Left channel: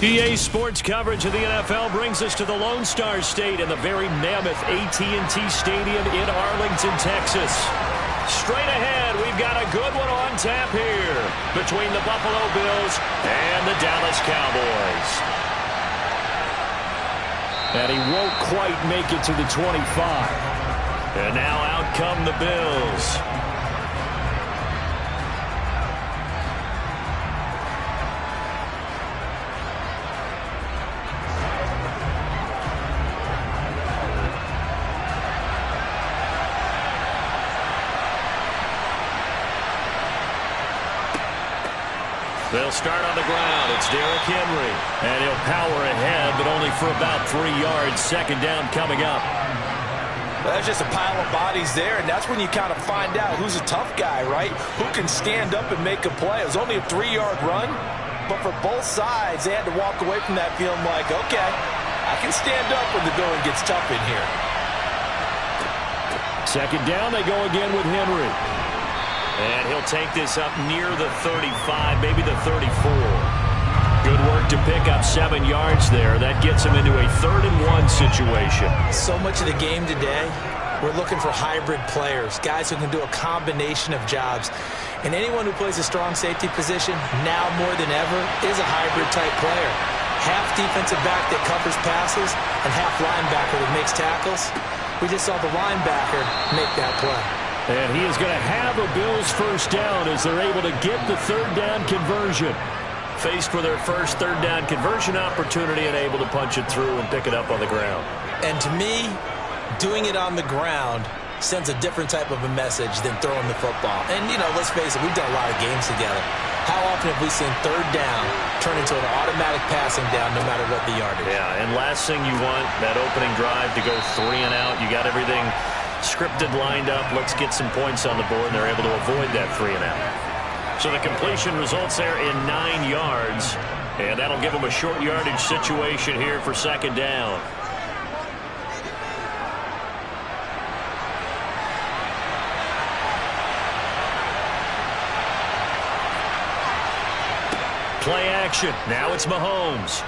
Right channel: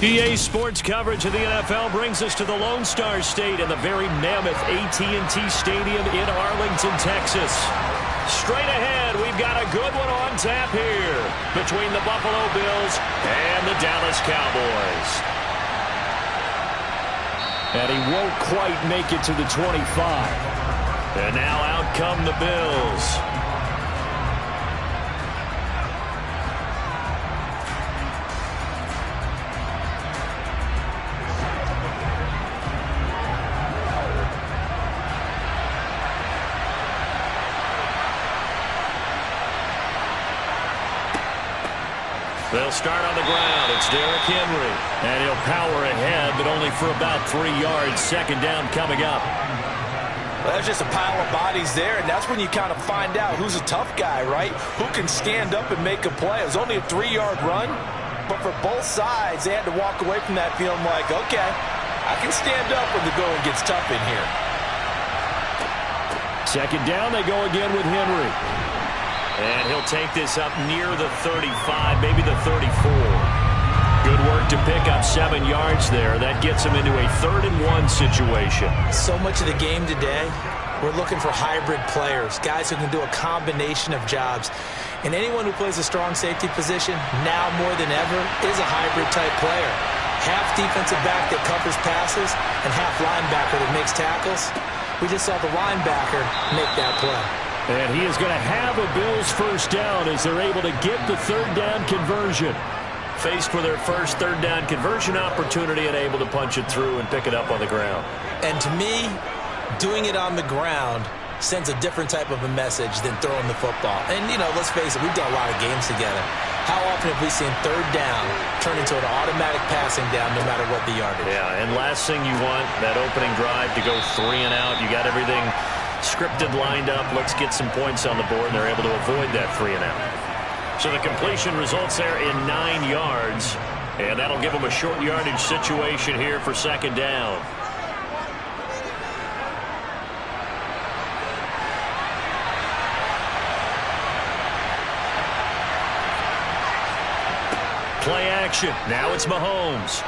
EA Sports coverage of the NFL brings us to the Lone Star State and the very mammoth AT&T Stadium in Arlington, Texas. Straight ahead, we've got a good one on tap here between the Buffalo Bills and the Dallas Cowboys. And he won't quite make it to the 25. And now out come the Bills. They'll start on the ground. It's Derrick Henry. And he'll power ahead, but only for about 3 yards. Second down coming up. Well, there's just a pile of bodies there, and that's when you kind of find out who's a tough guy, right? Who can stand up and make a play. It was only a 3-yard run, but for both sides, they had to walk away from that feeling like, okay, I can stand up when the going gets tough in here. Second down, they go again with Henry. And he'll take this up near the 35, maybe the 34. Good work to pick up 7 yards there. That gets him into a 3rd-and-1 situation. So much of the game today, we're looking for hybrid players, guys who can do a combination of jobs. And anyone who plays a strong safety position, now more than ever, is a hybrid-type player. Half defensive back that covers passes and half linebacker that makes tackles. We just saw the linebacker make that play. And he is going to have a Bills first down as they're able to get the 3rd down conversion. Faced with their first 3rd down conversion opportunity and able to punch it through and pick it up on the ground. And to me, doing it on the ground sends a different type of a message than throwing the football. And, you know, let's face it, we've done a lot of games together. How often have we seen 3rd down turn into an automatic passing down no matter what the yardage? Yeah, and last thing you want, that opening drive to go 3 and out. You got everything scripted, lined up. Let's get some points on the board, and they're able to avoid that 3 and out. So the completion results there in 9 yards, and that'll give them a short yardage situation here for 2nd down. Play action. Now it's Mahomes.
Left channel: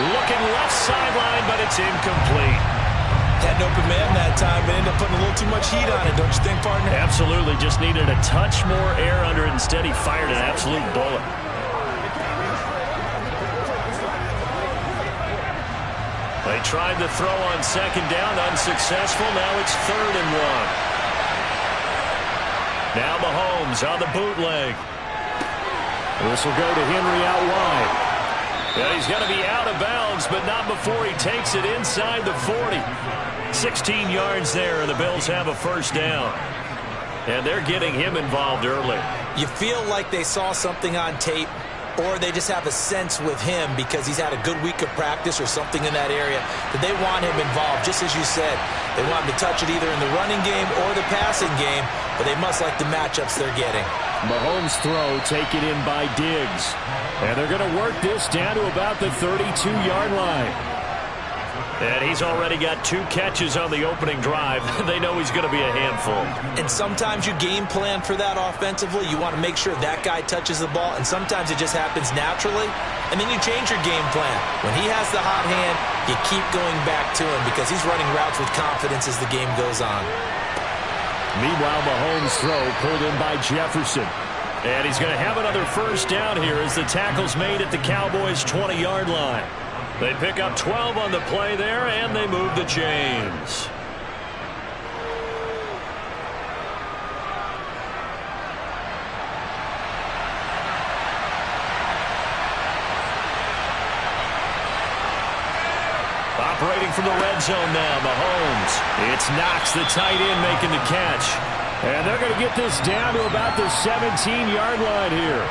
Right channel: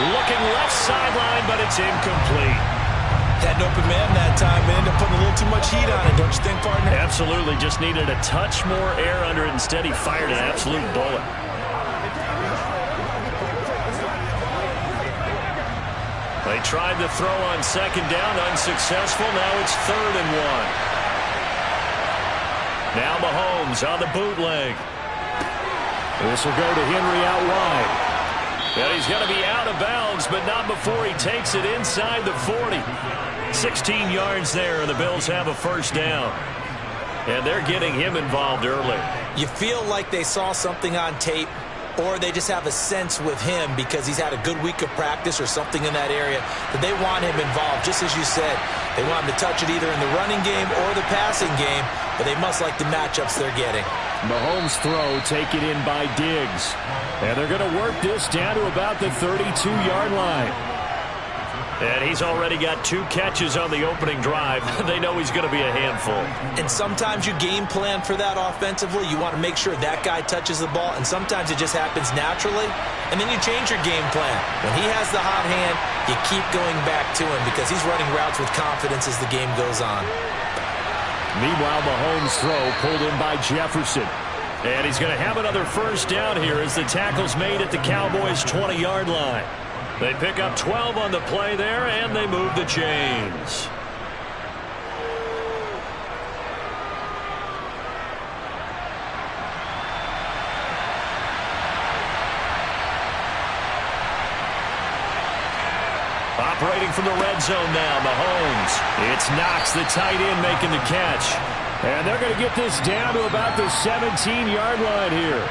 Looking left sideline, but it's incomplete. Had an open man that time, but ended up putting a little too much heat on it, don't you think, partner? Absolutely. Just needed a touch more air under it. Instead, he fired an absolute bullet. They tried the throw on 2nd down, unsuccessful. Now it's 3rd and 1. Now Mahomes on the bootleg. This will go to Henry out wide. And he's going to be out of bounds, but not before he takes it inside the 40. 16 yards there, and the Bills have a first down. And they're getting him involved early. You feel like they saw something on tape, or they just have a sense with him because he's had a good week of practice or something in that area that they want him involved. Just as you said, they want him to touch it either in the running game or the passing game, but they must like the matchups they're getting. Mahomes' throw taken in by Diggs. And they're going to work this down to about the 32-yard line. And he's already got 2 catches on the opening drive. They know he's going to be a handful. And sometimes you game plan for that offensively. You want to make sure that guy touches the ball, and sometimes it just happens naturally. And then you change your game plan. When he has the hot hand, you keep going back to him because he's running routes with confidence as the game goes on. Meanwhile, Mahomes' throw pulled in by Jefferson. And he's going to have another first down here as the tackle's made at the Cowboys' 20-yard line. They pick up 12 on the play there, and they move the chains. Operating from the red zone now, Mahomes. It's Knox, the tight end, making the catch. And they're going to get this down to about the 17-yard line here.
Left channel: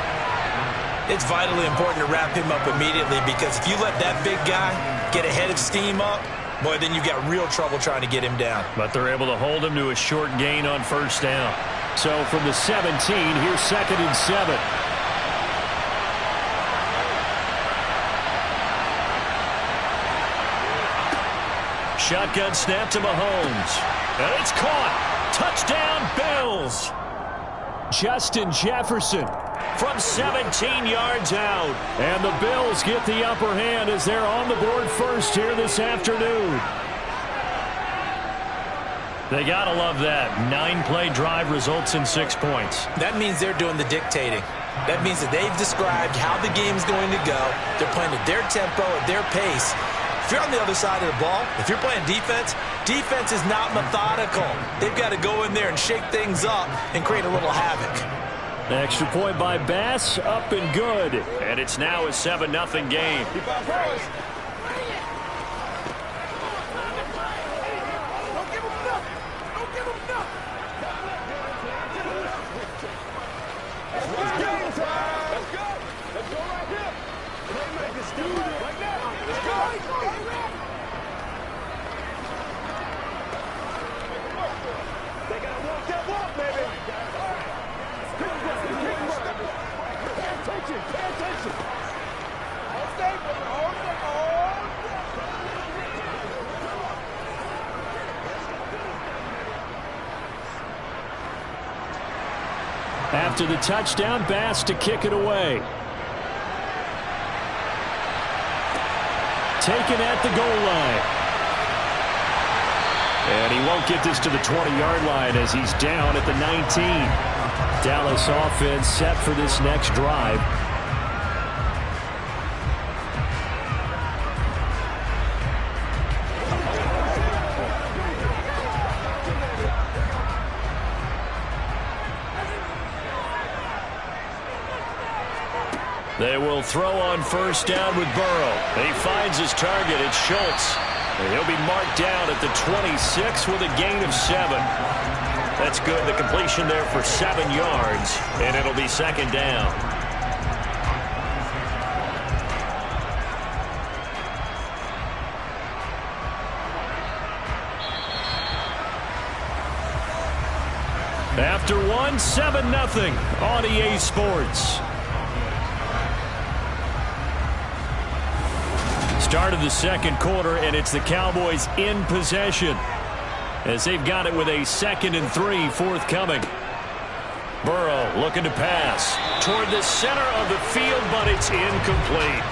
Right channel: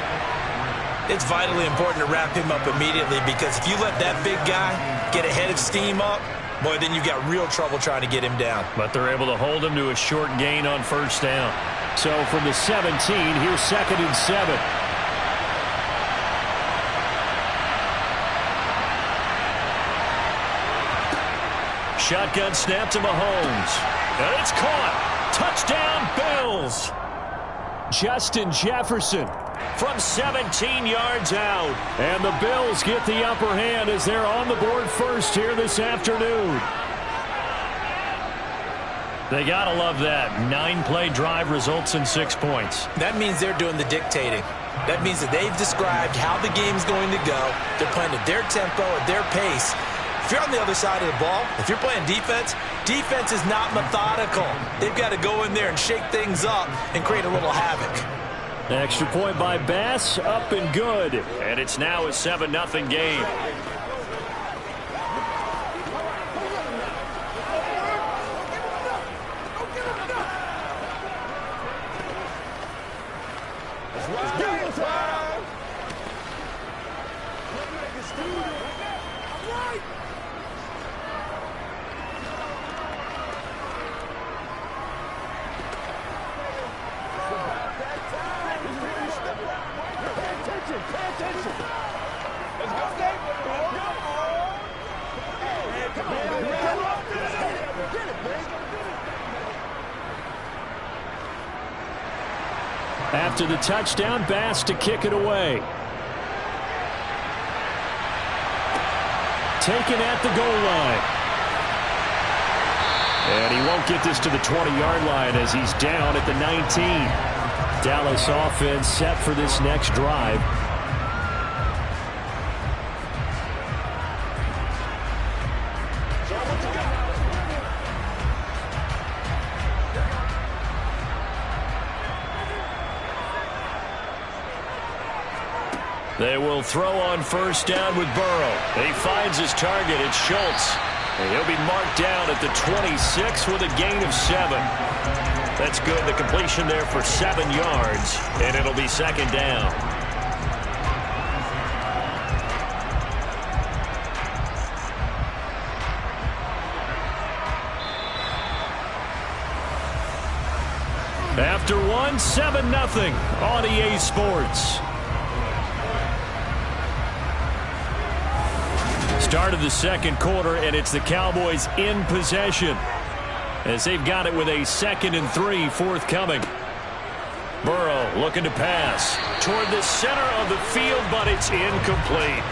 It's vitally important to wrap him up immediately because if you let that big guy get ahead of steam up, boy, then you've got real trouble trying to get him down. But they're able to hold him to a short gain on first down. So from the 17, here's 2nd and 7. Shotgun snap to Mahomes. And it's caught. Touchdown, Bills. Justin Jefferson from 17 yards out. And the Bills get the upper hand as they're on the board first here this afternoon. They got to love that. 9-play drive results in 6 points. That means they're doing the dictating. That means that they've described how the game's going to go. They're playing at their tempo, at their pace. If you're on the other side of the ball, if you're playing defense, defense is not methodical. They've got to go in there and shake things up and create a little havoc. Extra point by Bass, up and good. And it's now a 7-0 game. After the touchdown, Bass to kick it away. Taken at the goal line. And he won't get this to the 20-yard line as he's down at the 19. Dallas offense set for this next drive. They will throw on first down with Burrow. He finds his target. It's Schultz. And he'll be marked down at the 26 with a gain of 7. That's good. The completion there for 7 yards. And it'll be second down. After one, 7-0 on EA Sports. Start of the second quarter, and it's the Cowboys in possession as they've got it with a 2nd and 3 forthcoming. Burrow looking to pass toward the center of the field, but it's incomplete.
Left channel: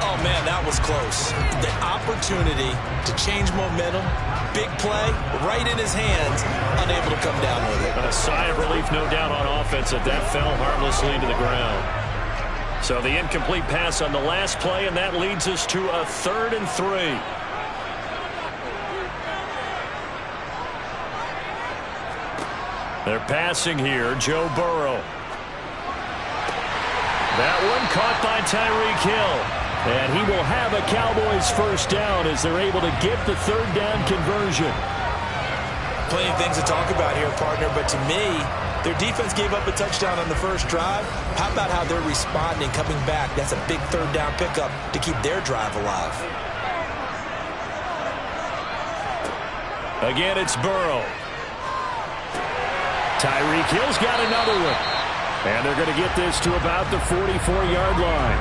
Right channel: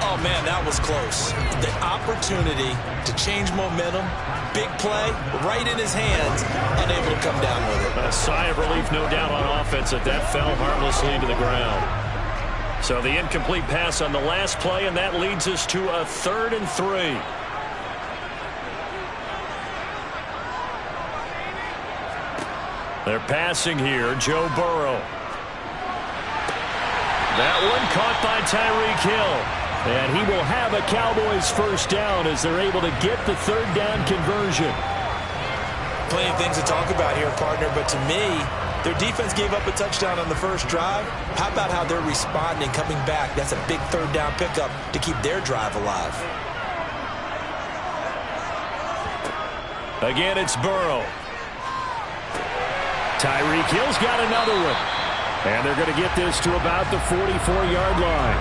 Oh, man, that was close. The opportunity to change momentum, big play, right in his hands, unable to come down with it. A sigh of relief, no doubt, on offense that fell harmlessly to the ground. So the incomplete pass on the last play, and that leads us to a 3rd and 3. They're passing here. Joe Burrow. That one caught by Tyreek Hill. And he will have a Cowboys first down as they're able to get the 3rd down conversion. Plenty of things to talk about here, partner, but to me, their defense gave up a touchdown on the first drive. How about how they're responding, coming back? That's a big 3rd down pickup to keep their drive alive. Again, it's Burrow. Tyreek Hill's got another one. And they're going to get this to about the 44-yard line.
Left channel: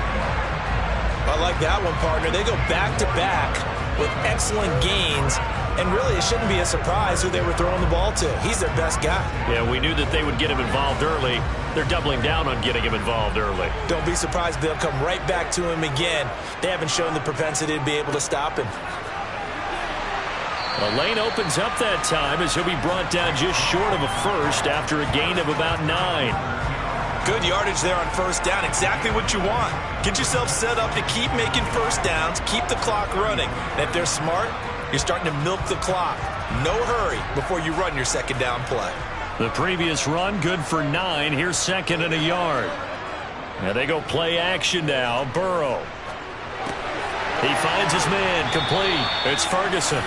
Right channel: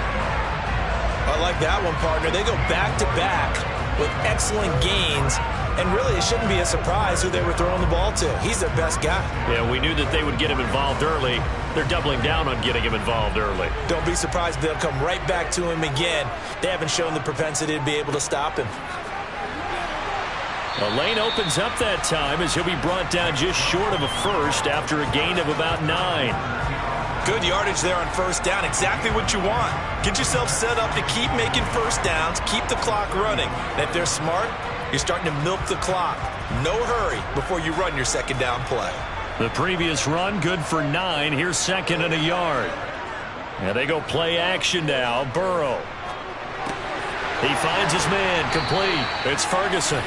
I like that one, partner. They go back-to-back with excellent gains. And really, it shouldn't be a surprise who they were throwing the ball to. He's their best guy. Yeah, we knew that they would get him involved early. They're doubling down on getting him involved early. Don't be surprised if they'll come right back to him again. They haven't shown the propensity to be able to stop him. The lane opens up that time as he'll be brought down just short of a first after a gain of about 9. Good yardage there on first down. Exactly what you want. Get yourself set up to keep making first downs, keep the clock running. And if they're smart, you're starting to milk the clock. No hurry before you run your second down play. The previous run good for 9. Here's 2nd and a yard. And they go play action now. Burrow. He finds his man complete. It's Ferguson.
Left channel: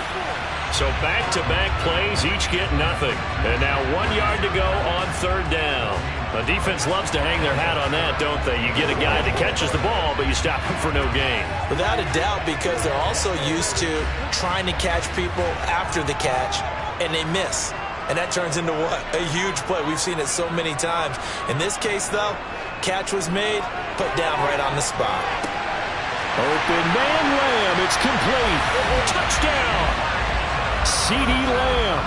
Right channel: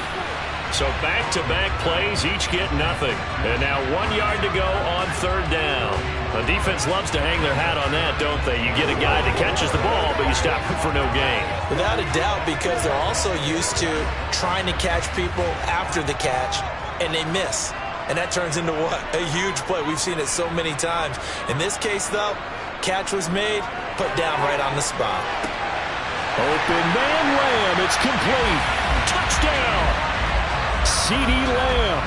So back-to-back plays, each get nothing. And now 1 yard to go on 3rd down. The defense loves to hang their hat on that, don't they? You get a guy that catches the ball, but you stop him for no gain. Without a doubt, because they're also used to trying to catch people after the catch, and they miss. And that turns into what? A huge play. We've seen it so many times. In this case, though, catch was made, put down right on the spot. Open man Lamb. It's complete. Touchdown. CeeDee Lamb.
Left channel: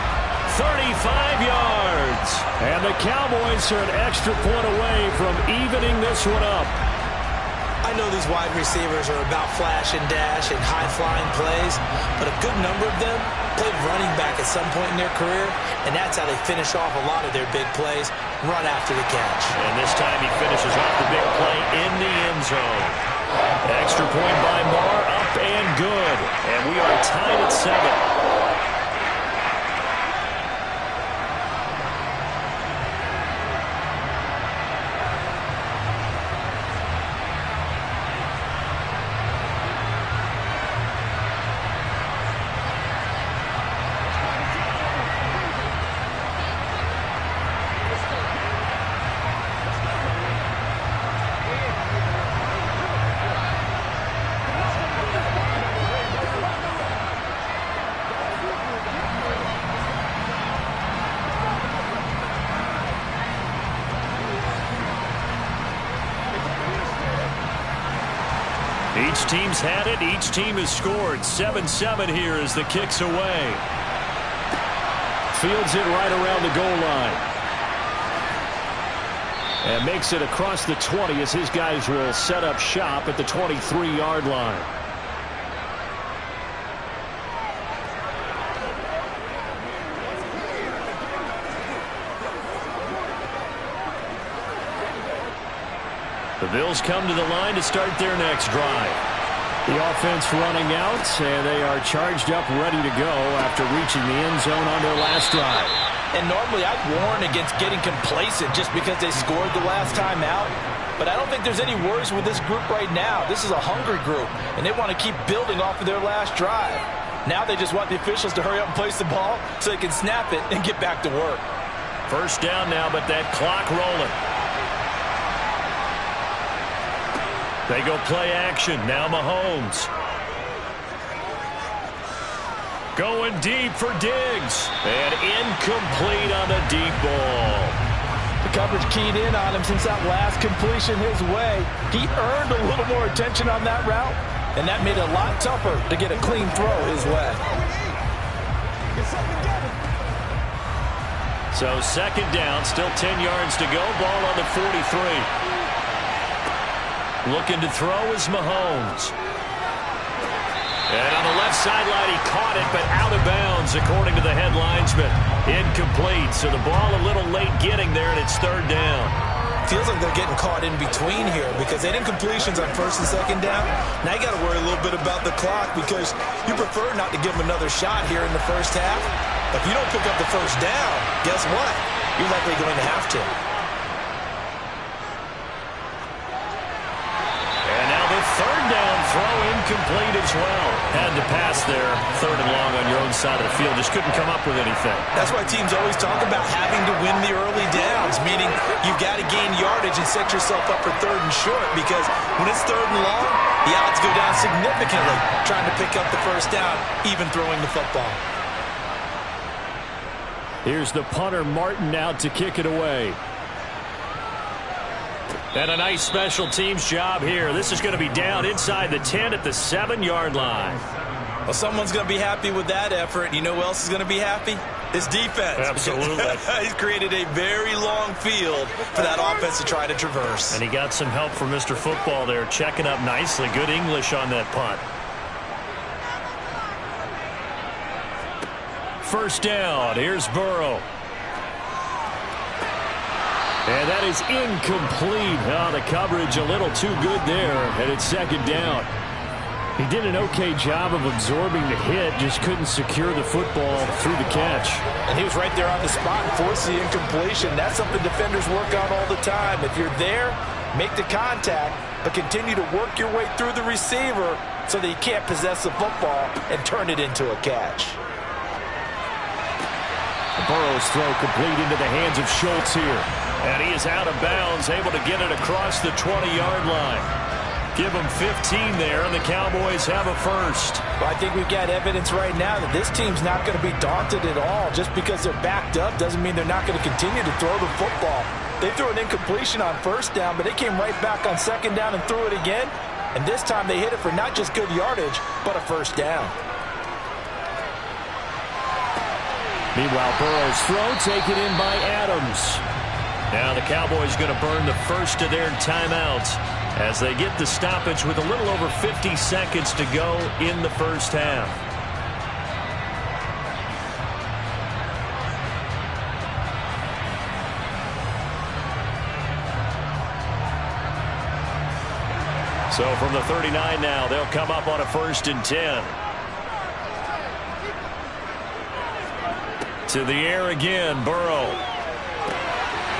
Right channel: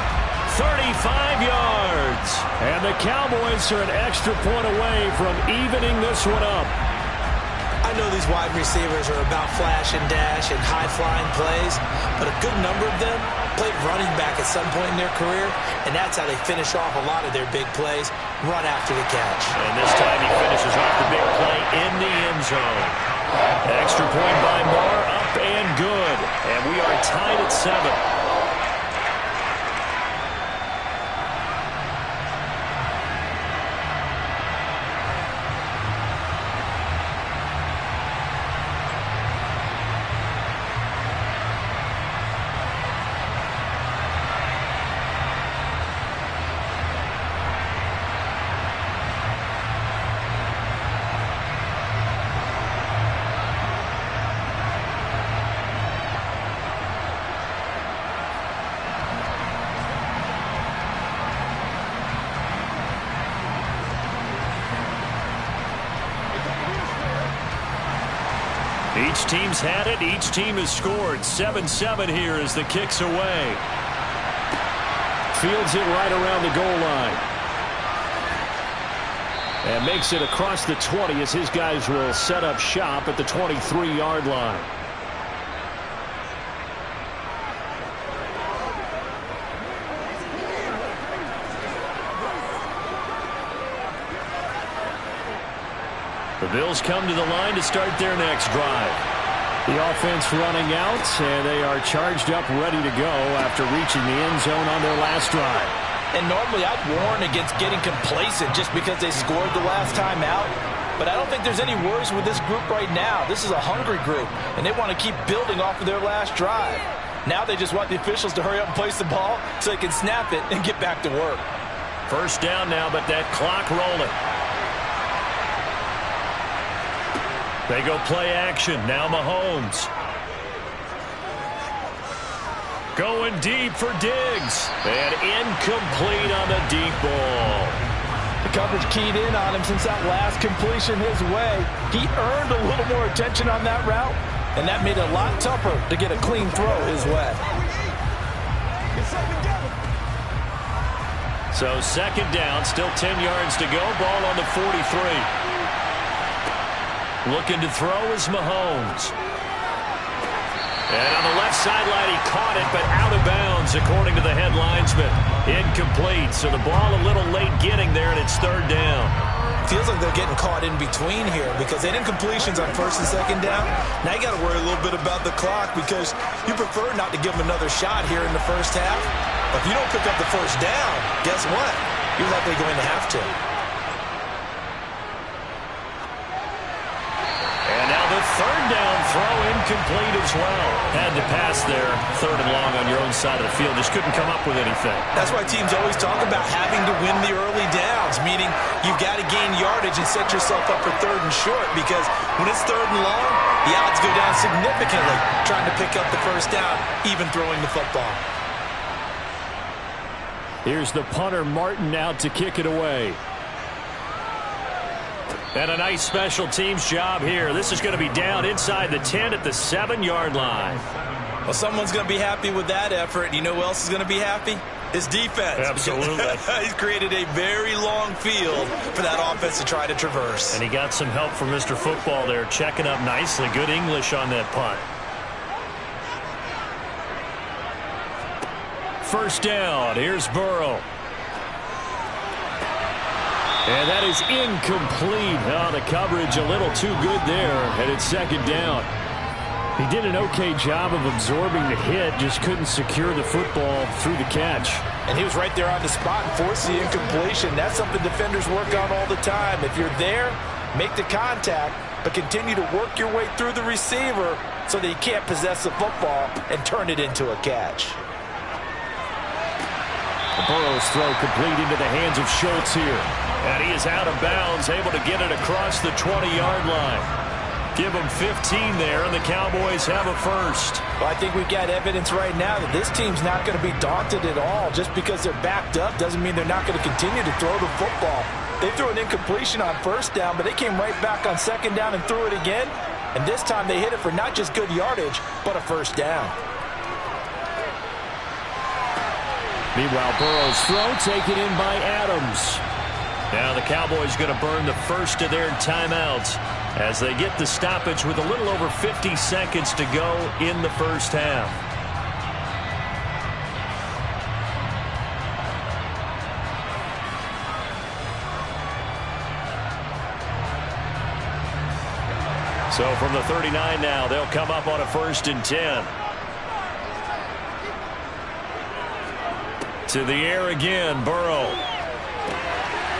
35 yards. And the Cowboys are an extra point away from evening this one up. I know these wide receivers are about flash and dash and high-flying plays, but a good number of them played running back at some point in their career, and that's how they finish off a lot of their big plays, run after the catch. And this time he finishes off the big play in the end zone. Extra point by Moore, up and good. And we are tied at 7. Each team's had it. Each team has scored. 7-7 here as the kick's away. Fields it right around the goal line. And makes it across the 20 as his guys will set up shop at the 23-yard line. The Bills come to the line to start their next drive. The offense running out, and they are charged up, ready to go after reaching the end zone on their last drive. And normally I'd warn against getting complacent just because they scored the last time out. But I don't think there's any worries with this group right now. This is a hungry group, and they want to keep building off of their last drive. Now they just want the officials to hurry up and place the ball so they can snap it and get back to work. First down now, but that clock rolling. They go play action. Now Mahomes. Going deep for Diggs. And incomplete on the deep ball. The coverage keyed in on him since that last completion his way. He earned a little more attention on that route, and that made it a lot tougher to get a clean throw his way. So second down, still 10 yards to go. Ball on the 43. Looking to throw is Mahomes. And on the left sideline, he caught it, but out of bounds, according to the head linesman. Incomplete, so the ball a little late getting there, and it's third down. Feels like they're getting caught in between here because they had incompletions on first and second down. Now you got to worry a little bit about the clock because you prefer not to give them another shot here in the first half. But if you don't pick up the first down, guess what? You're likely going to have to. And now the third down throw incomplete as well. Had to pass there, third and long on your own side of the field. Just couldn't come up with anything. That's why teams always talk about having to win the early downs, meaning you've got to gain yardage and set yourself up for third and short because when it's third and long, the odds go down significantly trying to pick up the first down, even throwing the football. Here's the punter, Martin, out to kick it away. And a nice special teams job here. This is going to be down inside the 10 at the 7-yard line. Well, someone's going to be happy with that effort. You know who else is going to be happy? His defense. Absolutely. He's created a very long field for that offense to try to traverse. And he got some help from Mr. Football there, checking up nicely. Good English on that punt. First down. Here's Burrow. And that is incomplete. Oh, the coverage a little too good there, and it's second down. He did an okay job of absorbing the hit, just couldn't secure the football through the catch. And he was right there on the spot and forced the incompletion. That's something defenders work on all the time. If you're there, make the contact, but continue to work your way through the receiver so that he can't possess the football and turn it into a catch. Burrow's throw complete into the hands of Schultz here. And he is out of bounds, able to get it across the 20-yard line. Give him 15 there, and the Cowboys have a first. Well, I think we've got evidence right now that this team's not going to be daunted at all. Just because they're backed up doesn't mean they're not going to continue to throw the football. They threw an incompletion on first down, but they came right back on second down and threw it again. And this time they hit it for not just good yardage, but a first down. Meanwhile, Burrow's throw taken in by Adams. Now the Cowboys going to burn the first of their timeouts as they get the stoppage with a little over 50 seconds to go in the first half. So from the 39 now, they'll come up on a 1st and 10. To the air again, Burrow.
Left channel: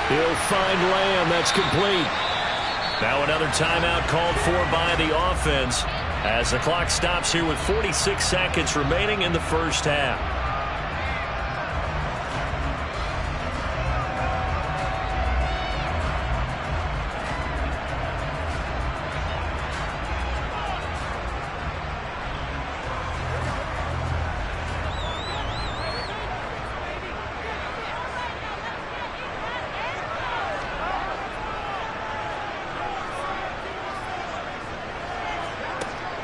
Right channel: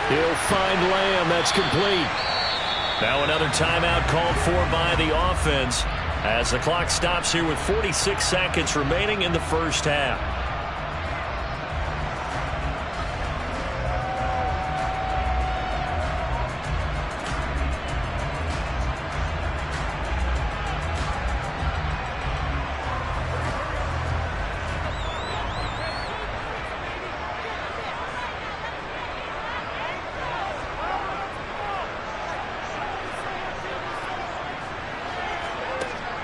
He'll find Lamb. That's complete. Now another timeout called for by the offense as the clock stops here with 46 seconds remaining in the first half.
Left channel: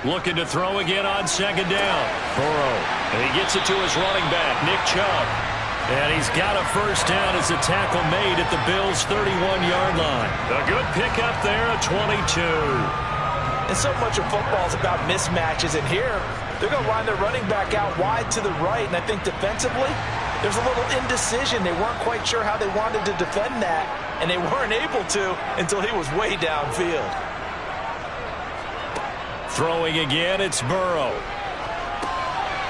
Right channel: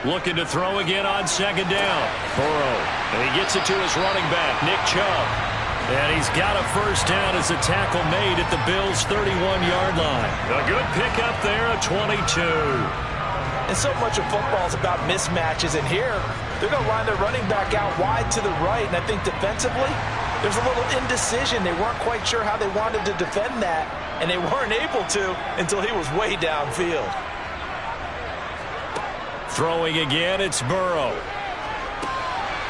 Looking to throw again on 2nd down. Burrow. And he gets it to his running back, Nick Chubb. And he's got a 1st down as a tackle made at the Bills' 31-yard line. A good pickup there, a 22. And so much of football is about mismatches. And here, they're going to line their running back out wide to the right. And I think defensively, there's a little indecision. They weren't quite sure how they wanted to defend that. And they weren't able to until he was way downfield. Throwing again, it's Burrow.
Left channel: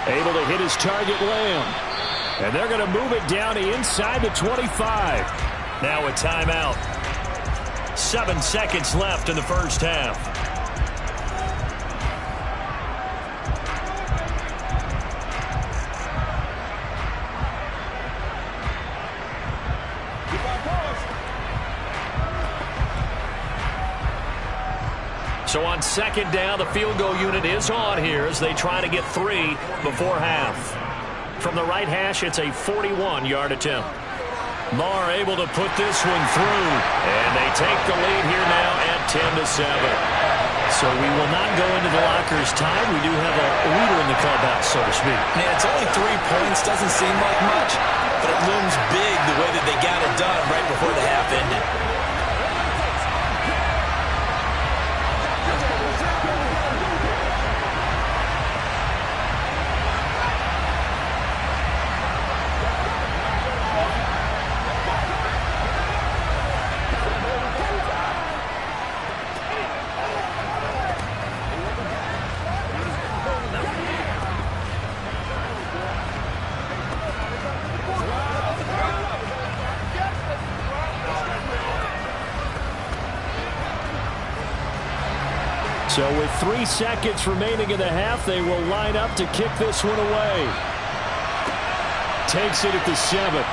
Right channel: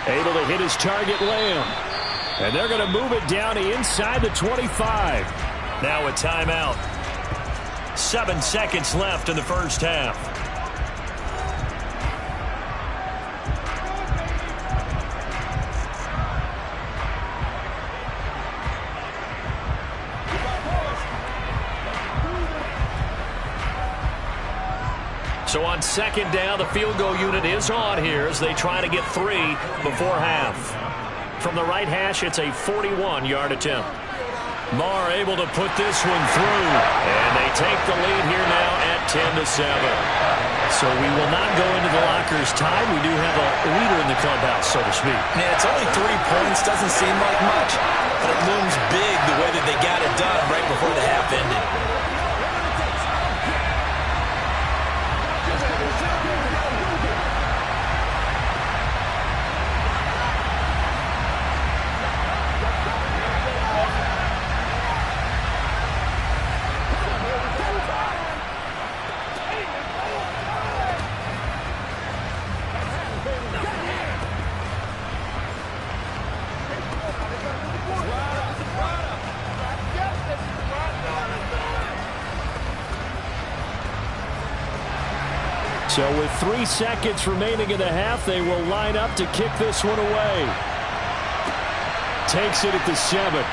Able to hit his target, Lamb. And they're going to move it down to inside the 25. Now a timeout. 7 seconds left in the first half. So on 2nd down, the field goal unit is on here as they try to get 3 before half. From the right hash, it's a 41-yard attempt. Marr able to put this one through. And they take the lead here now at 10-7. So we will not go into the lockers tied. We do have a leader in the clubhouse, so to speak. Man, it's only 3 points. Doesn't seem like much, but it looms big the way that they got it done right before the half ended. So with 3 seconds remaining in the half, they will line up to kick this one away. Takes it at the 7.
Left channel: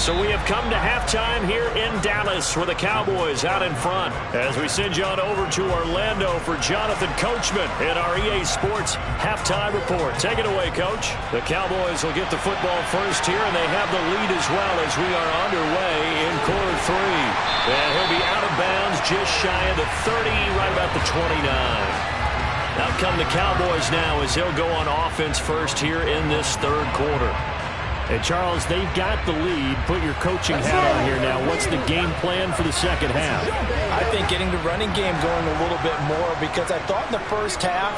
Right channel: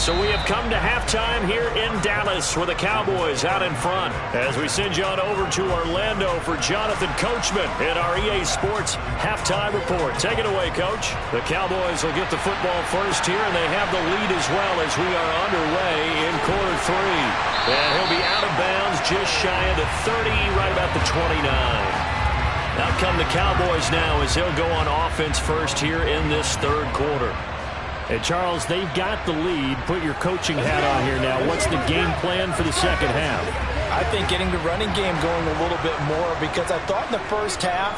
So we have come to halftime here in Dallas with the Cowboys out in front. As we send you on over to Orlando for Jonathan Coachman in our EA Sports Halftime Report. Take it away, Coach. The Cowboys will get the football first here, and they have the lead as well as we are underway in quarter 3. And he'll be out of bounds just shy of the 30, right about the 29. Out come the Cowboys now as he'll go on offense first here in this 3rd quarter. And, Charles, they've got the lead. Put your coaching hat on here now. What's the game plan for the 2nd half? I think getting the running game going a little bit more because I thought in the first half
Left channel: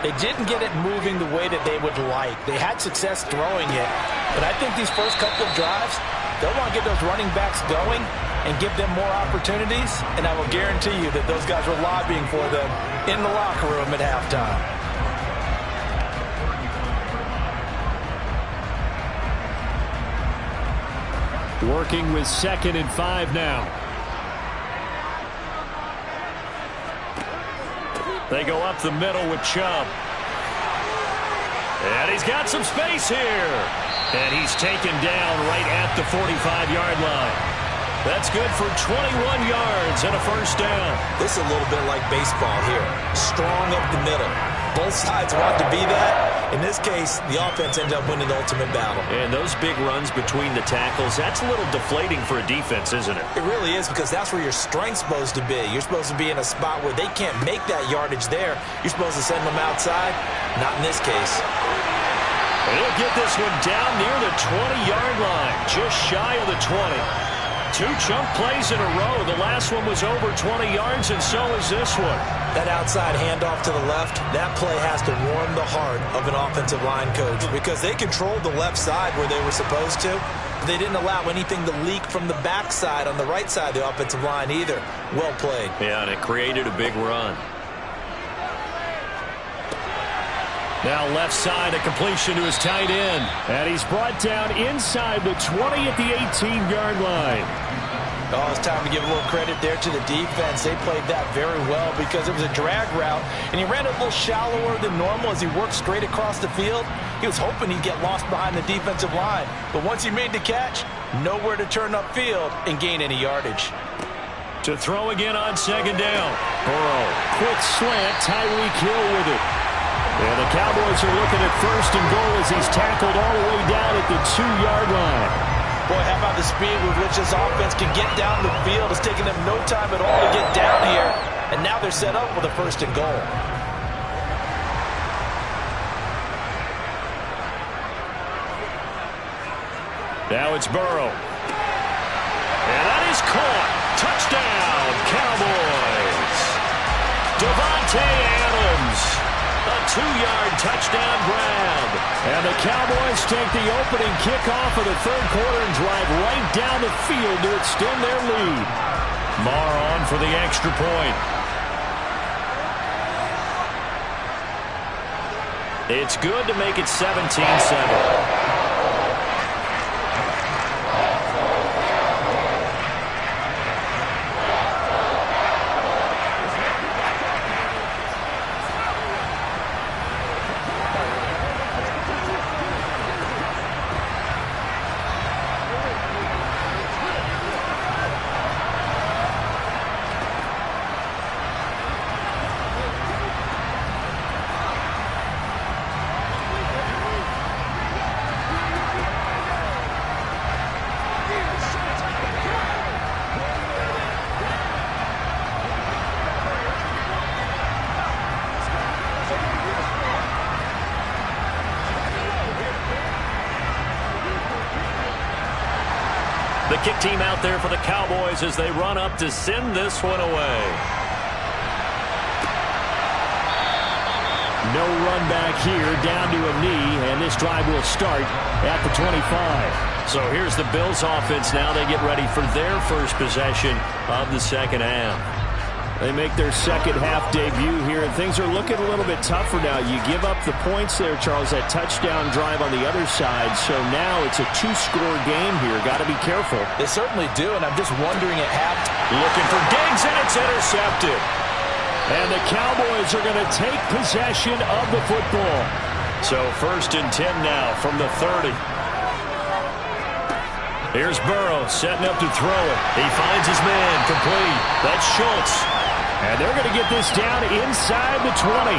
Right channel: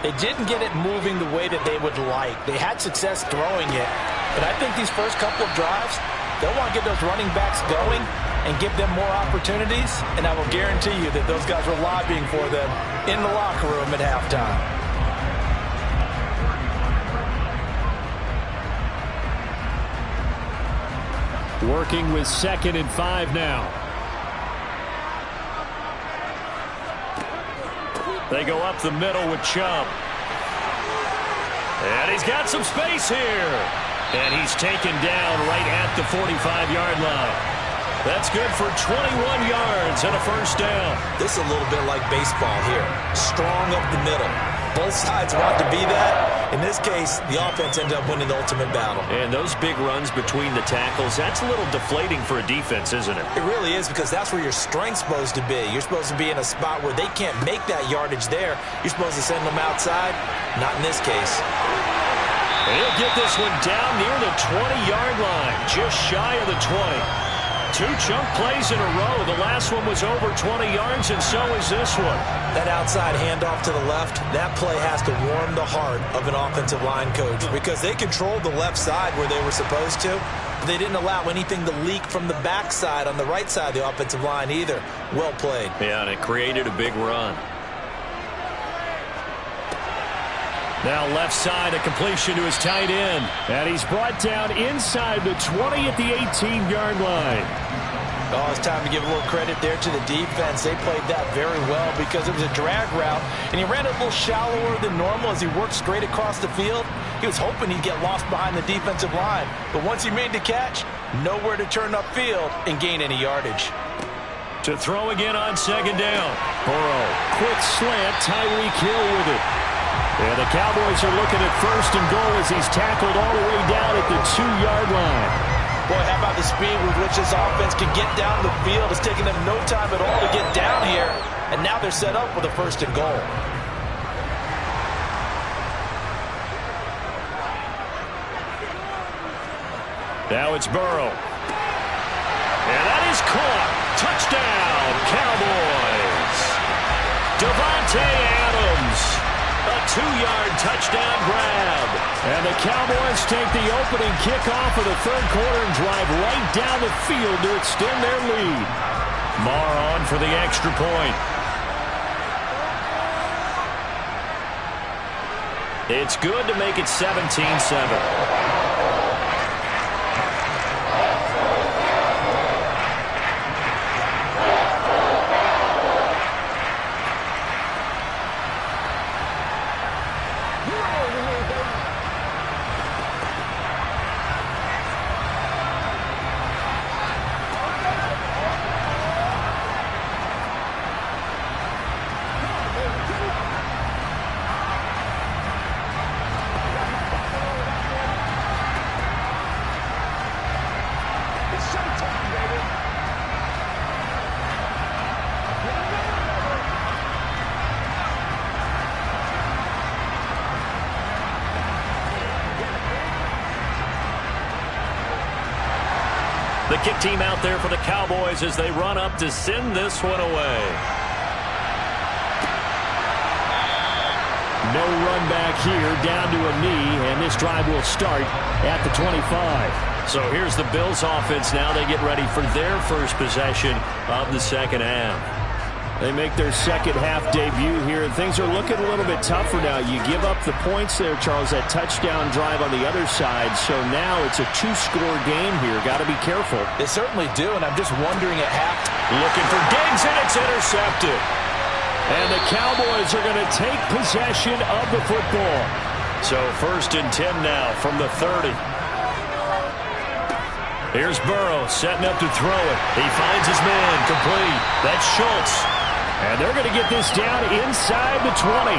they didn't get it moving the way that they would like. They had success throwing it. But I think these first couple of drives, they'll want to get those running backs going and give them more opportunities. And I will guarantee you that those guys were lobbying for them in the locker room at halftime. Working with 2nd and 5 now. They go up the middle with Chubb. And he's got some space here. And he's taken down right at the 45-yard line. That's good for 21 yards and a 1st down. This is a little bit like baseball here. Strong up the middle. Both sides want to be that. In this case, the offense ended up winning the ultimate battle. And those big runs between the tackles, that's a little deflating for a defense, isn't it? It really is, because that's where your strength's supposed to be. You're supposed to be in a spot where they can't make that yardage there. You're supposed to send them outside. Not in this case. And he'll get this one down near the 20-yard line, just shy of the 20. Two chunk plays in a row. The last one was over 20 yards, and so is this one. That outside handoff to the left, that play has to warm the heart of an offensive line coach, because they controlled the left side where they were supposed to. They didn't allow anything to leak from the backside on the right side of the offensive line either. Well played. Yeah, and it created a big run. Now left side, a completion to his tight end. And he's brought down inside the 20 at the 18-yard line. Oh, it's time to give a little credit there to the defense. They played that very well, because it was a drag route, and he ran a little shallower than normal as he worked straight across the field. He was hoping he'd get lost behind the defensive line. But once he made the catch, nowhere to turn upfield and gain any yardage. To throw again on second down. Burrow, quick slant, Tyreek Hill with it. And the Cowboys are looking at first and goal as he's tackled all the way down at the 2-yard line. Boy, how about the speed with which this offense can get down the field? It's taken them no time at all to get down here, and now they're set up with a first and goal. Now it's Burrow. And that is caught. Touchdown, Cowboys. Davante Adams. A 2-yard touchdown grab. And the Cowboys take the opening kickoff of the third quarter and drive right down the field to extend their lead. Marr on for the extra point. It's good to make it 17-7. The kick team out there for the Cowboys as they run up to send this one away. No run back here, down to a knee, and this drive will start at the 25. So here's the Bills offense now. They get ready for their first possession of the second half. They make their second half debut here, and things are looking a little bit tougher now. You give up the points there, Charles, that touchdown drive on the other side. So now it's a 2-score game here. Got to be careful. They certainly do, and I'm just wondering at halftime. Looking for Diggs, and it's intercepted. And the Cowboys are going to take possession of the football. So 1st and 10 now from the 30. Here's Burrow setting up to throw it. He finds his man complete. That's Schultz. And they're going to get this down inside the 20.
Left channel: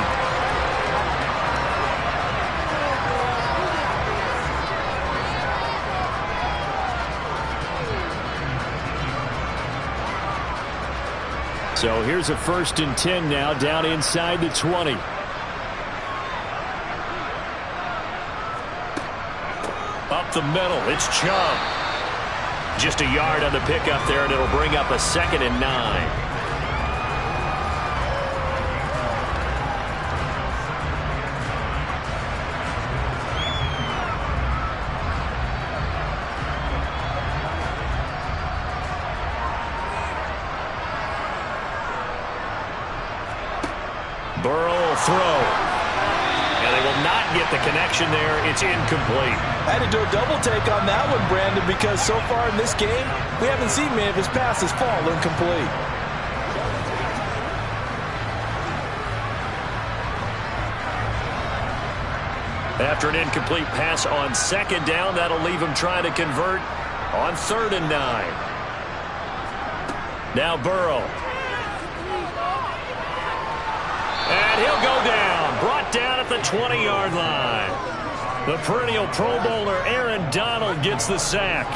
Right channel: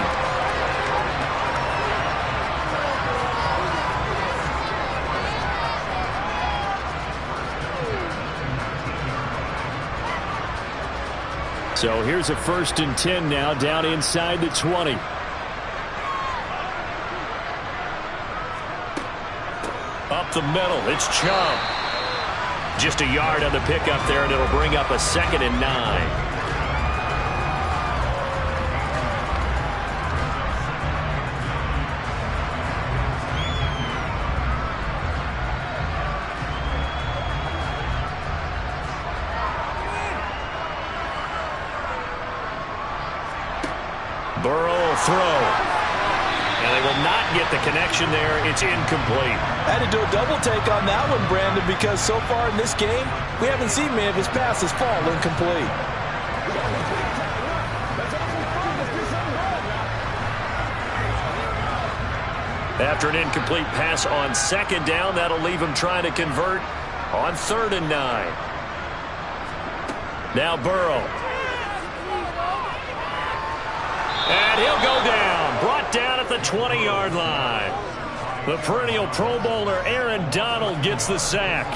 So here's a 1st and 10 now, down inside the 20. Up the middle, it's Chubb. Just a yard on the pickup there, and it'll bring up a 2nd and 9. Burrow will throw. And they will not get the connection there. It's incomplete. I had to do a double take on that one, Brandon, because so far in this game, we haven't seen many of his passes fall incomplete. After an incomplete pass on 2nd down, that'll leave him trying to convert on 3rd and 9. Now Burrow. And he'll go down. Brought the 20-yard line. The perennial Pro Bowler Aaron Donald gets the sack.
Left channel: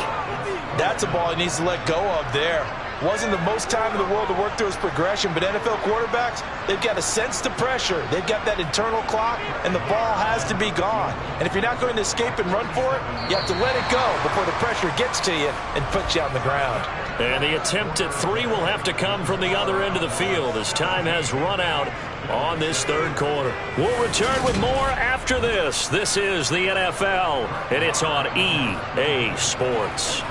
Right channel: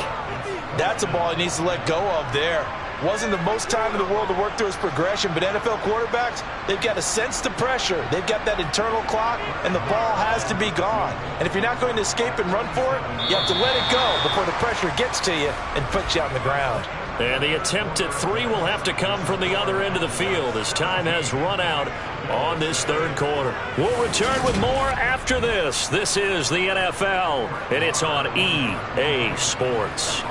That's a ball he needs to let go of there. Wasn't the most time in the world to work through his progression, but NFL quarterbacks, they've got to sense the pressure. They've got that internal clock, and the ball has to be gone. And if you're not going to escape and run for it, you have to let it go before the pressure gets to you and puts you on the ground. And the attempt at 3 will have to come from the other end of the field as time has run out on this third quarter. We'll return with more after this. This is the NFL, and it's on EA Sports.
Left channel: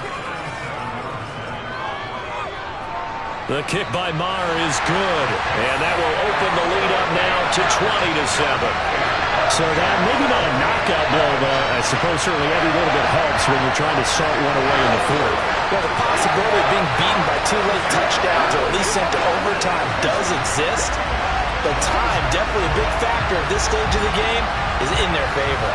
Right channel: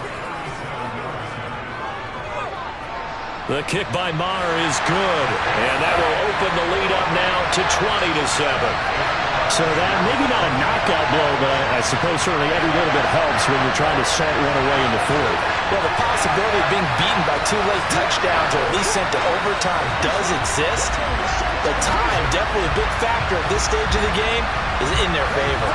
The kick by Maher is good, and that will open the lead up now to 20-7. So that maybe not a knockout blow, but I suppose certainly every little bit helps when you're trying to salt one away in the fourth. Well, the possibility of being beaten by 2 late touchdowns or at least sent to overtime does exist, but time, definitely a big factor at this stage of the game, is in their favor.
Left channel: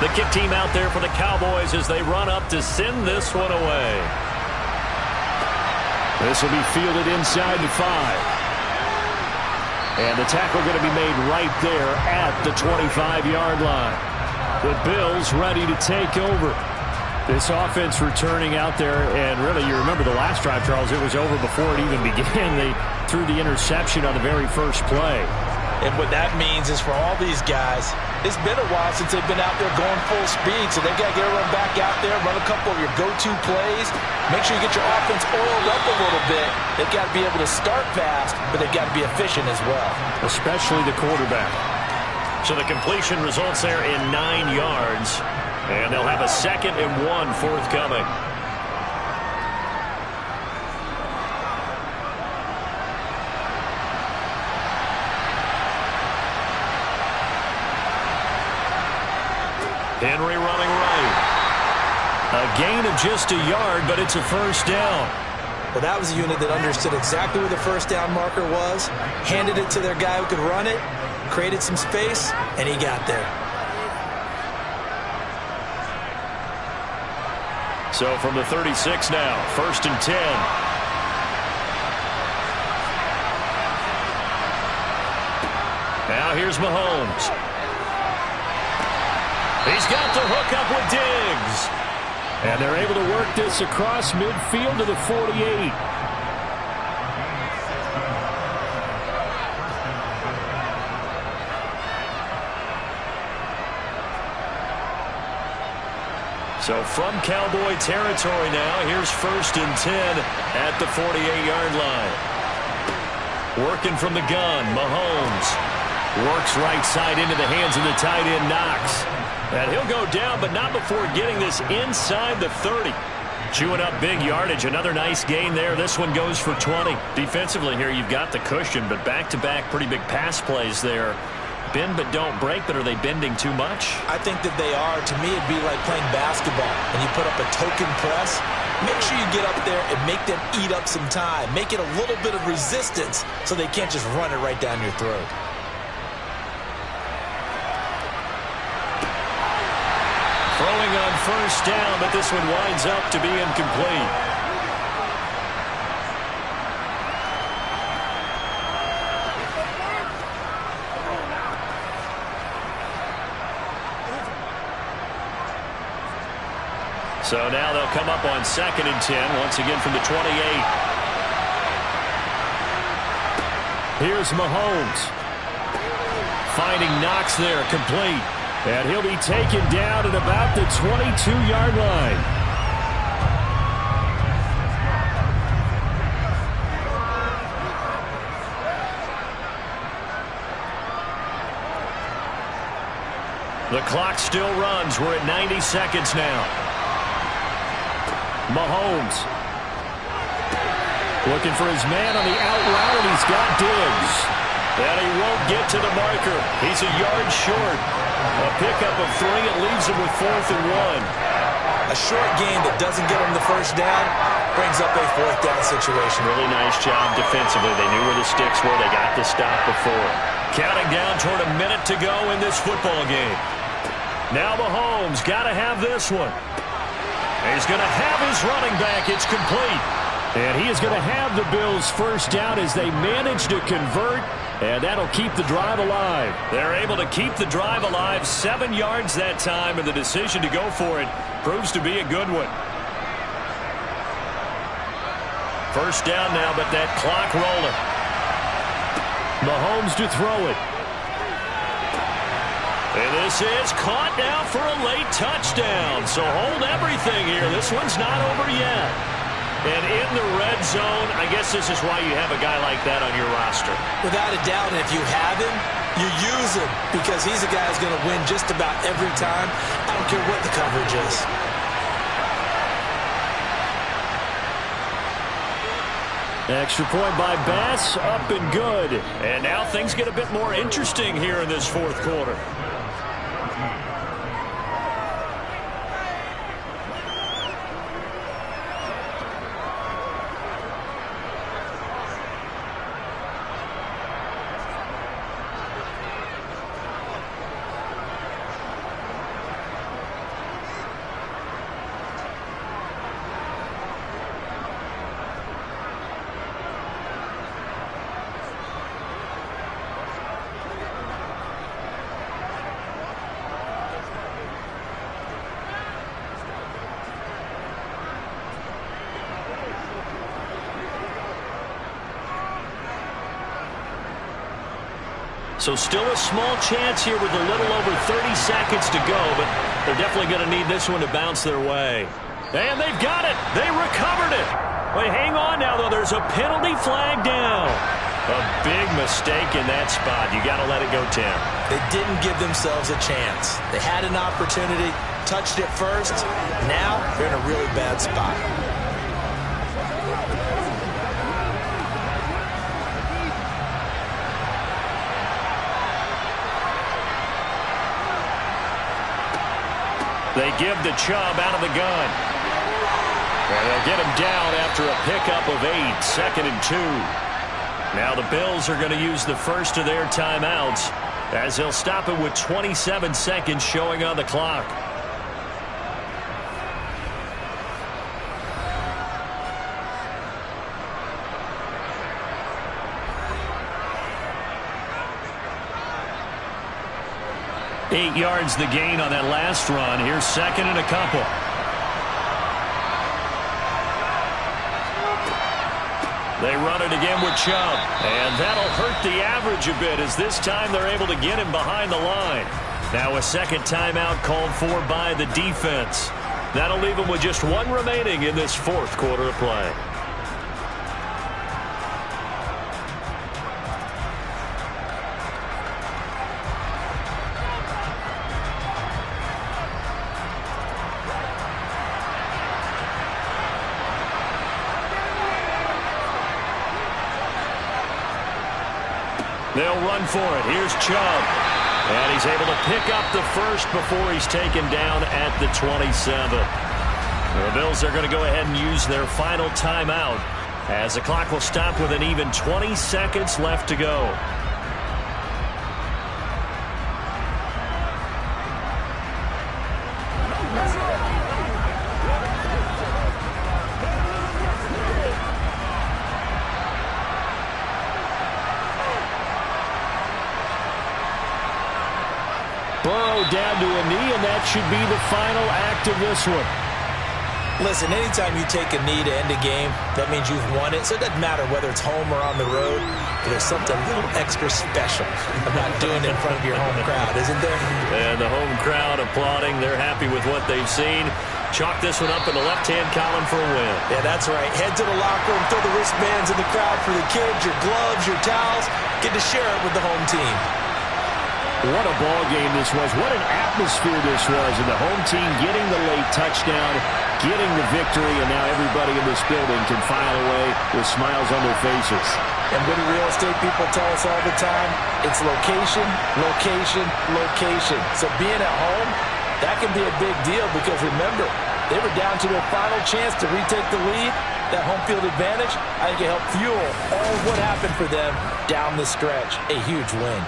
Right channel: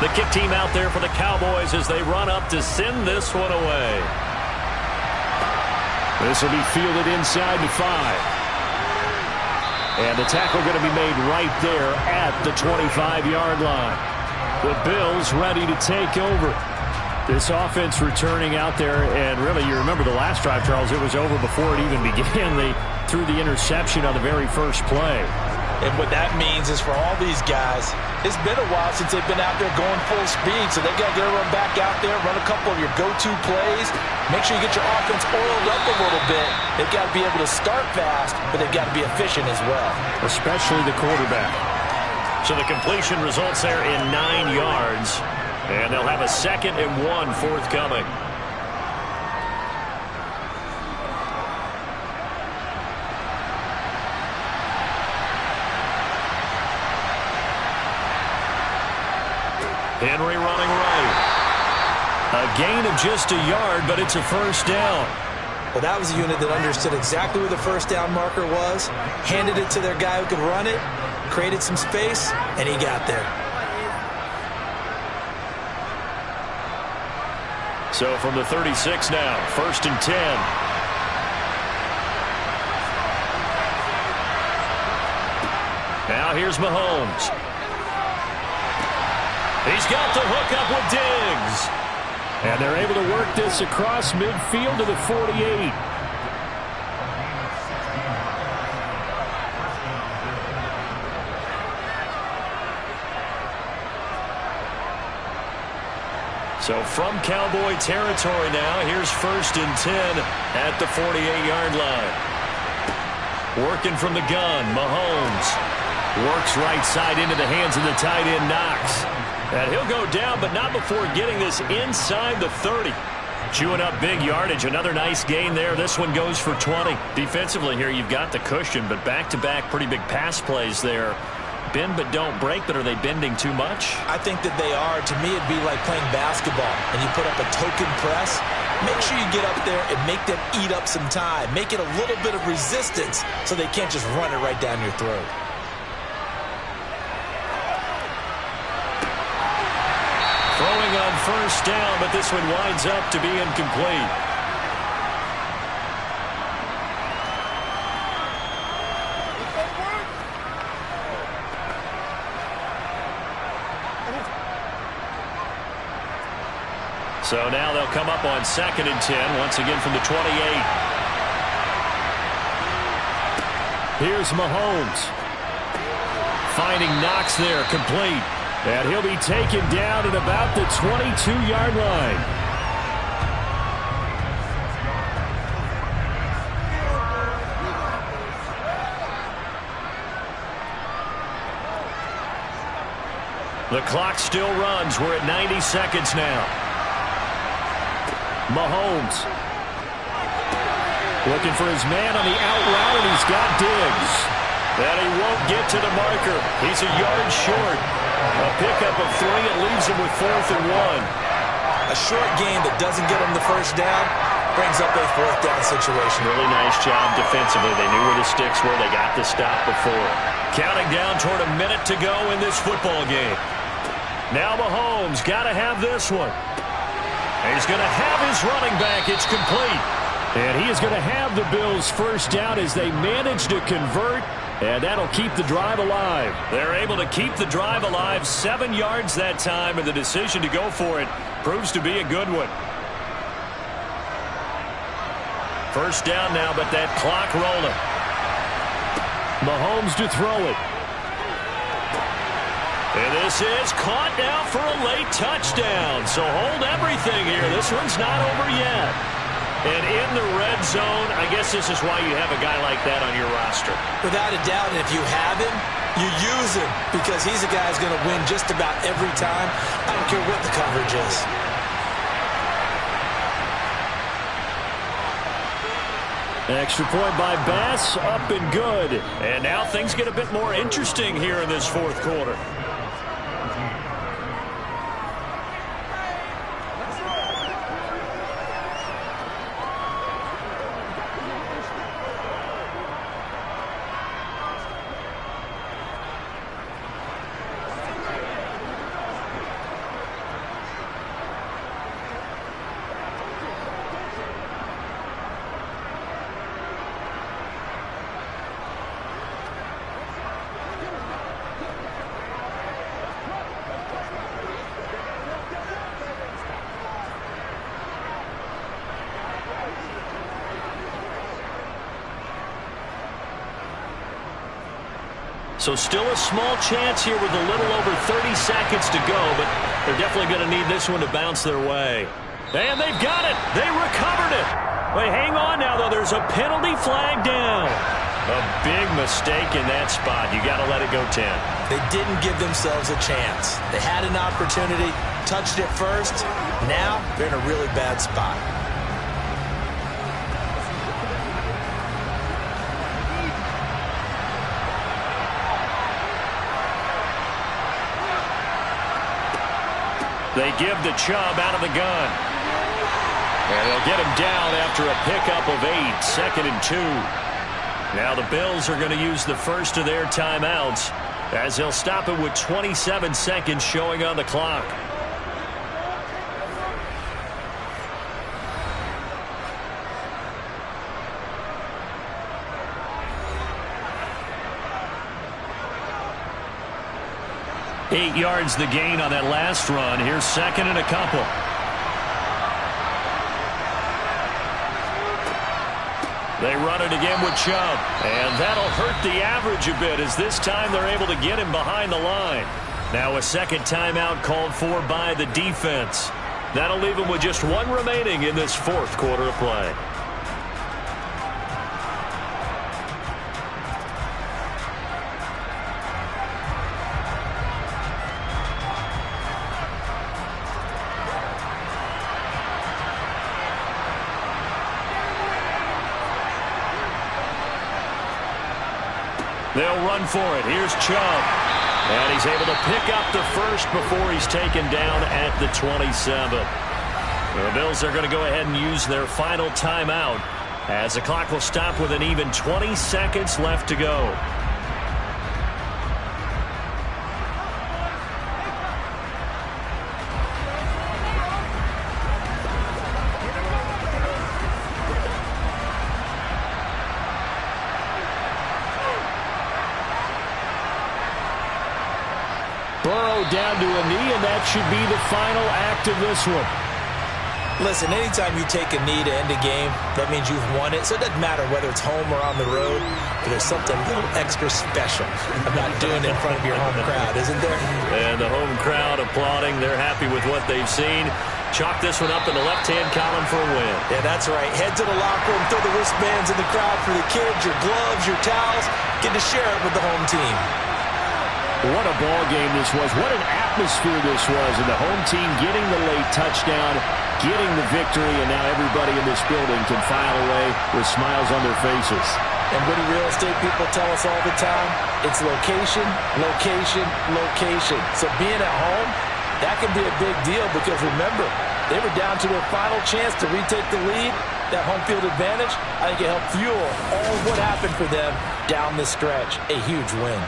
The kick team out there for the Cowboys as they run up to send this one away. This will be fielded inside the 5. And the tackle going to be made right there at the 25-yard line. The Bills ready to take over. This offense returning out there, and really you remember the last drive, Charles, it was over before it even began. They threw the interception on the very first play. And what that means is for all these guys, it's been a while since they've been out there going full speed, so they've got to get everyone back out there, run a couple of your go-to plays, make sure you get your offense oiled up a little bit. They've got to be able to start fast, but they've got to be efficient as well. Especially the quarterback. So the completion results there in 9 yards, and they'll have a 2nd and 1 forthcoming. Henry running right. A gain of just a yard, but it's a first down. Well, that was a unit that understood exactly where the first down marker was, handed it to their guy who could run it, created some space, and he got there. So from the 36 now, 1st and 10. Now here's Mahomes. He's got the hook up with Diggs. And they're able to work this across midfield to the 48. So from Cowboy territory now, here's 1st and 10 at the 48-yard line. Working from the gun, Mahomes works right side into the hands of the tight end Knox. And he'll go down, but not before getting this inside the 30. Chewing up big yardage. Another nice gain there. This one goes for 20. Defensively here, you've got the cushion, but back-to-back pretty big pass plays there. Bend but don't break, but are they bending too much? I think that they are. To me, it'd be like playing basketball, and you put up a token press. Make sure you get up there and make them eat up some time. Make it a little bit of resistance so they can't just run it right down your throat. Throwing on first down, but this one winds up to be incomplete. So now they'll come up on 2nd and 10, once again from the 28. Here's Mahomes. Finding Knox there, complete. And he'll be taken down at about the 22-yard line. The clock still runs. We're at 90 seconds now. Mahomes looking for his man on the out route, and he's got Diggs. And he won't get to the marker. He's a yard short. A pickup of 3. It leaves them with 4th and 1. A short game that doesn't get them the first down brings up a 4th down situation. Really nice job defensively. They knew where the sticks were. They got the stop before. Counting down toward a minute to go in this football game. Now Mahomes got to have this one. He's going to have his running back. It's complete. And he is going to have the Bills first down as they manage to convert. And that'll keep the drive alive. They're able to keep the drive alive. 7 yards that time, and the decision to go for it proves to be a good one. First down now, but that clock rolling. Mahomes to throw it. And this is caught now for a late touchdown. So hold everything here. This one's not over yet. And in the red zone, I guess this is why you have a guy like that on your roster. Without a doubt, and if you have him, you use him because he's a guy who's going to win just about every time. I don't care what the coverage is. Extra point by Bass, up and good. And now things get a bit more interesting here in this 4th quarter. So still a small chance here with a little over 30 seconds to go, but they're definitely going to need this one to bounce their way. And they've got it. They recovered it. Wait, hang on now, though. There's a penalty flag down. A big mistake in that spot. You got to let it go 10. They didn't give themselves a chance. They had an opportunity, touched it first. Now they're in a really bad spot. They give the Chubb out of the gun. And they'll get him down after a pickup of 8, 2nd and 2. Now the Bills are going to use the first of their timeouts as they'll stop it with 27 seconds showing on the clock. Eight yards the gain on that last run. Here's 2nd and a couple. They run it again with Chubb. And that'll hurt the average a bit as this time they're able to get him behind the line. Now a second timeout called for by the defense. That'll leave them with just 1 remaining in this 4th quarter of play. They'll run for it. Here's Chubb. And he's able to pick up the first before he's taken down at the 27. The Bills are going to go ahead and use their final timeout as the clock will stop with an even 20 seconds left to go. Burrow down to a knee, and that should be the final act of this one. Listen, anytime you take a knee to end a game, that means you've won it. So it doesn't matter whether it's home or on the road, but there's something a little extra special about doing it in front of your home crowd, isn't there? And the home crowd applauding. They're happy with what they've seen. Chalk this one up in the left-hand column for a win. Yeah, that's right. Head to the locker room, throw the wristbands in the crowd for the kids, your gloves, your towels. Get to share it with the home team. What a ball game this was. What an atmosphere this was. And the home team getting the late touchdown, getting the victory, and now everybody in this building can file away with smiles on their faces. And what do real estate people tell us all the time? It's location, location, location. So being at home, that can be a big deal because remember, they were down to their final chance to retake the lead. That home field advantage, I think it helped fuel all of what happened for them down the stretch. A huge win.